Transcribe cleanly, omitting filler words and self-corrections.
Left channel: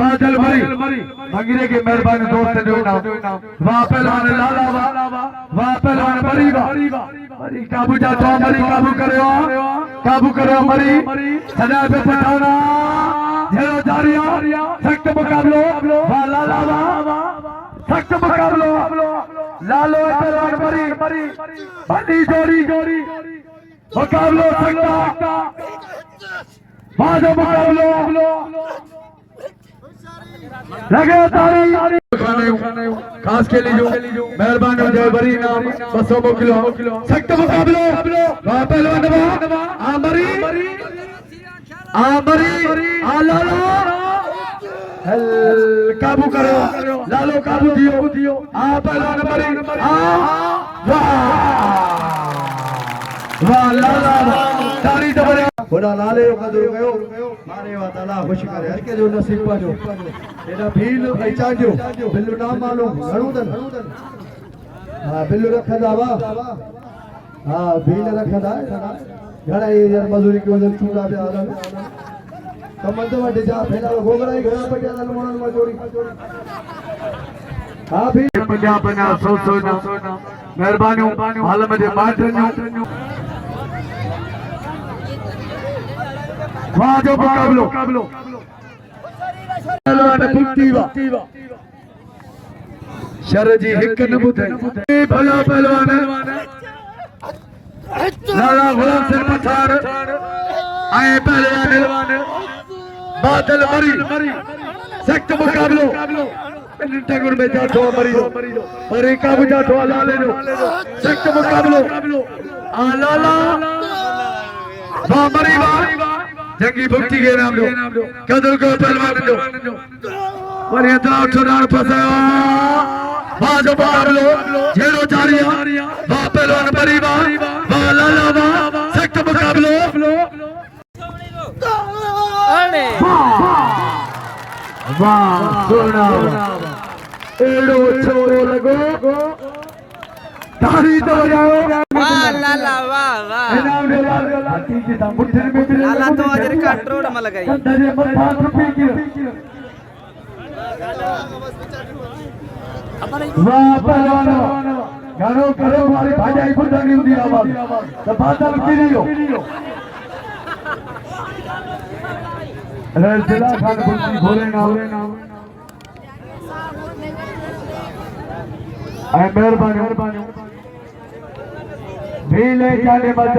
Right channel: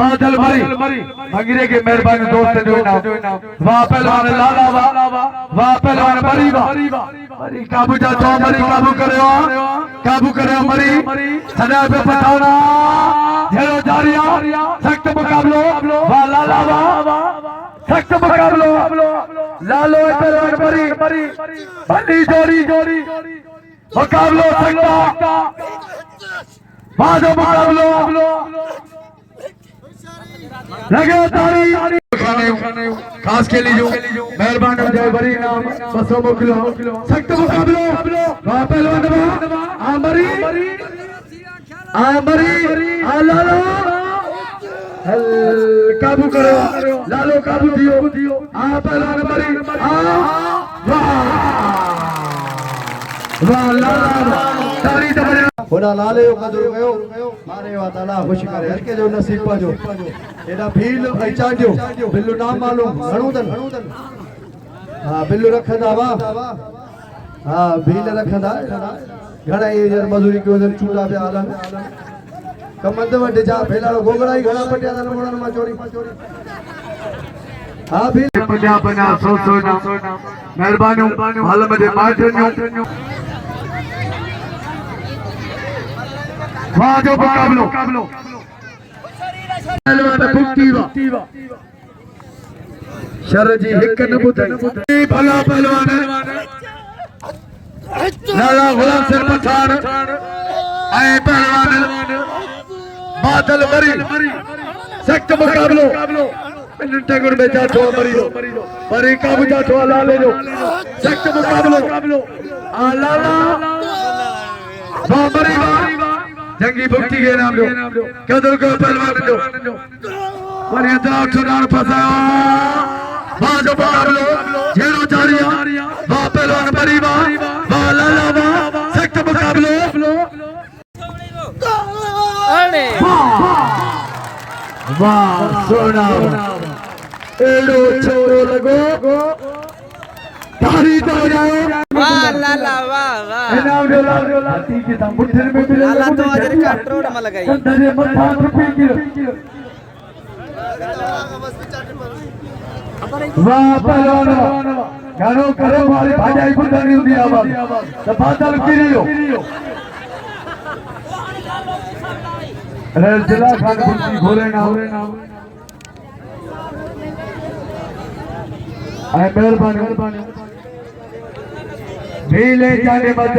बादल मरी भगीरे के मेहरबानी दोस्त जो ना वाह पहलवान लाला वाह पहलवान मरी मरी काबू चाचा मरी काबू करे मरी सदा पे पटावना झेलो जारिया सख्त मुकाबलो वाह लाला वाह सख्त मुकाबलो लालो पहलवान मरी बड़ी जोड़ी मुकाबलो सख्ता बाजो मुकाबलो लगे तारी खास के लिए जो मेहरबान हो जाए बरी नाम 200 किलो सख्त मुकाबलो वाह पहलवान आमरी लालो काबू करो लालो काबू दियो पहलवान बरी वाह लाला तारी तो थोड़ा लाले का जो गयो मारे वा ताला खुश करे हर के जो नसीब पर जो एडा भील पहचान जो बिल्लू नाम मालूम घणो हां बिल्लू रखदा वा हां भील रखदा घणा ये मजूरी के उधर चूड़ा पे आला कमंद वटे जा फेलाड़ो गोगड़ाई घणा पटिया दल मोणन मा चोरी हां भी पंजाब बना सो ना मेहरबानी हाल में माटन्यो वाह जो मुकाबलो पहलवान बुक्तीवा शर जी हिक न बुध भला पहलवान लाला गुलाम सिर पठान आए पहलवान बादल मरी सख्त मुकाबलो टंगुर में जातो मरी काबू जातो लाले जो सख्त मुकाबलो लाला मरी जंगी भक्ति के नाम दो कदर को पहलवान दो और ये दाव चुनाव फसा बाजो बाबलो जेरो जारिया वाह पहलवान मरी वाह लाला सख्त मुकाबलो वाह सोना एड़ो छोरो लगो तारी तो जाओ वाह लाला वाह नाम दो लाला ठीक है मुठ्ठी में मिले लाला तो अजर कंट्रोल में लगाई तेरे मथा रुपए की वाह पहलवान गानो करे वाली भाजाई बुदानी हुंदी आवाज तो बादल गिरियो अरे जिला खान बुद्धि भोले ना आए मेहरबानी भीले जाने मत